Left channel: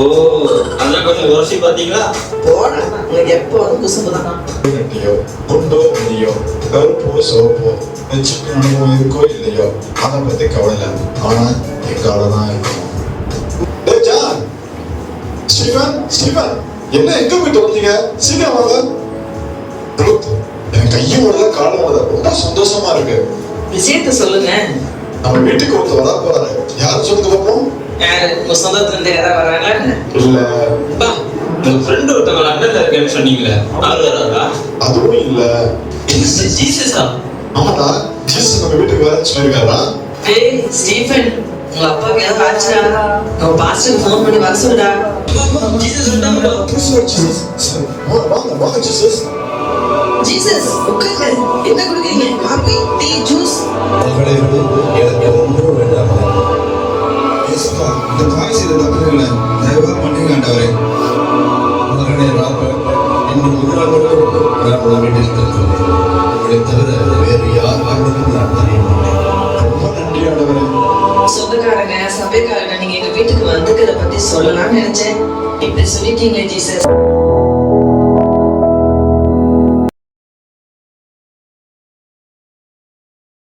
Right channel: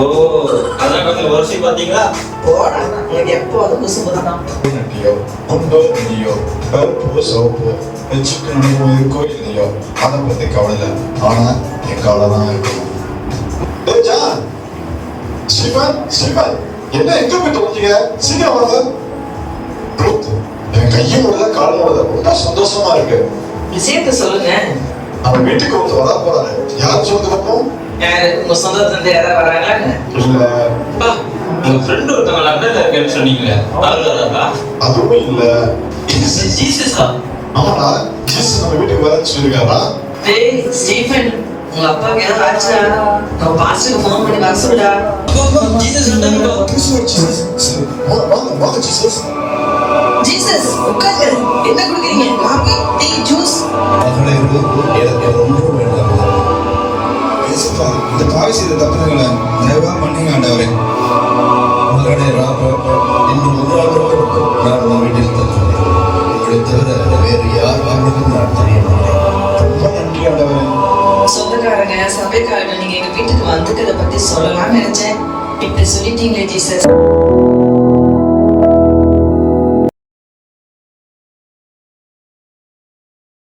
ஓ, அதான் கொஞ்சம் வருஷி பாத்தீங்களா? போடா, எனக்கு எப்போ வந்து குசும்பு தானா? இல்லையோ குண்டோ இல்லையோ கருப்போ சோப்போ வச்சுட்டு அனுபவம் இருக்கோ இல்லையோ அதை பத்தி கவலை இல்லை. ஆனா என் கவலை தான் இருக்கும். ஸ்ரீவன் ஸ்ரீவன் என்ன எங்க போய் தொலைஞ்சிங்க? சீக்கிரம் வாங்க. எனக்கு கையும் வரல காலம் வரல, ரொம்ப சந்தோஷமா இருக்கு. விஷயத்த சொல்லுங்க. அவன் வீட்டுக்கு வந்து வர போறாரு. யாரும் சொல்லுங்க பார்ப்போம். யாரு உங்க சொந்தத்துல இருந்து யாராவது வராங்களா? இல்ல, உங்க ஃப்ரெண்ட் ஒருத்தவங்க லண்டன்ல இருக்கேன்னு சொன்னீங்களே, அவரு வராரா? அதுவும் இல்ல. ஜீசஸா? ஆமாடா, ஜீசஸ் நம்ம வீட்டுக்கு வரேன்னு சொல்லியிருக்காரா? டேய் ஸ்டீஃபன், உங்க அப்பாவுக்கு ஏதாவது ஆச்சுடா? உங்க பாஸ்டருக்கு ஃபோன் பண்ணி வர சொல்லுடா. ஜீசஸ் வந்தாங்களோ? வாங்க ஜீசஸ். ஜீசஸ் உட்காரு. என்ன குடிக்கிறீங்க? Coffee, tea, juice? மகளே, எனக்கு ஒன்றும் வேண்டாம். இயேசுப்பா, இந்த பாவி செய்த தப்புகளை தயவா மன்னிங்க ஆண்டவரே. மகனே இன்று ஒரு நாள் மட்டும் நான் உன் வீட்டில் தங்குகிறேன். உங்களை தவிர வேறு யாருக்கும் நான் தெரியவில்லை. ரொம்ப நன்றி ஆண்டவரே. சொந்தக்காரங்க சபைக்காரங்க நீங்க எங்க வீட்டுக்கு வந்துக்கிறத பத்தி சொல்லலாம்னு நினைச்சேன். இப்படி சொல்லிட்டீங்களே ஜீசஸ்.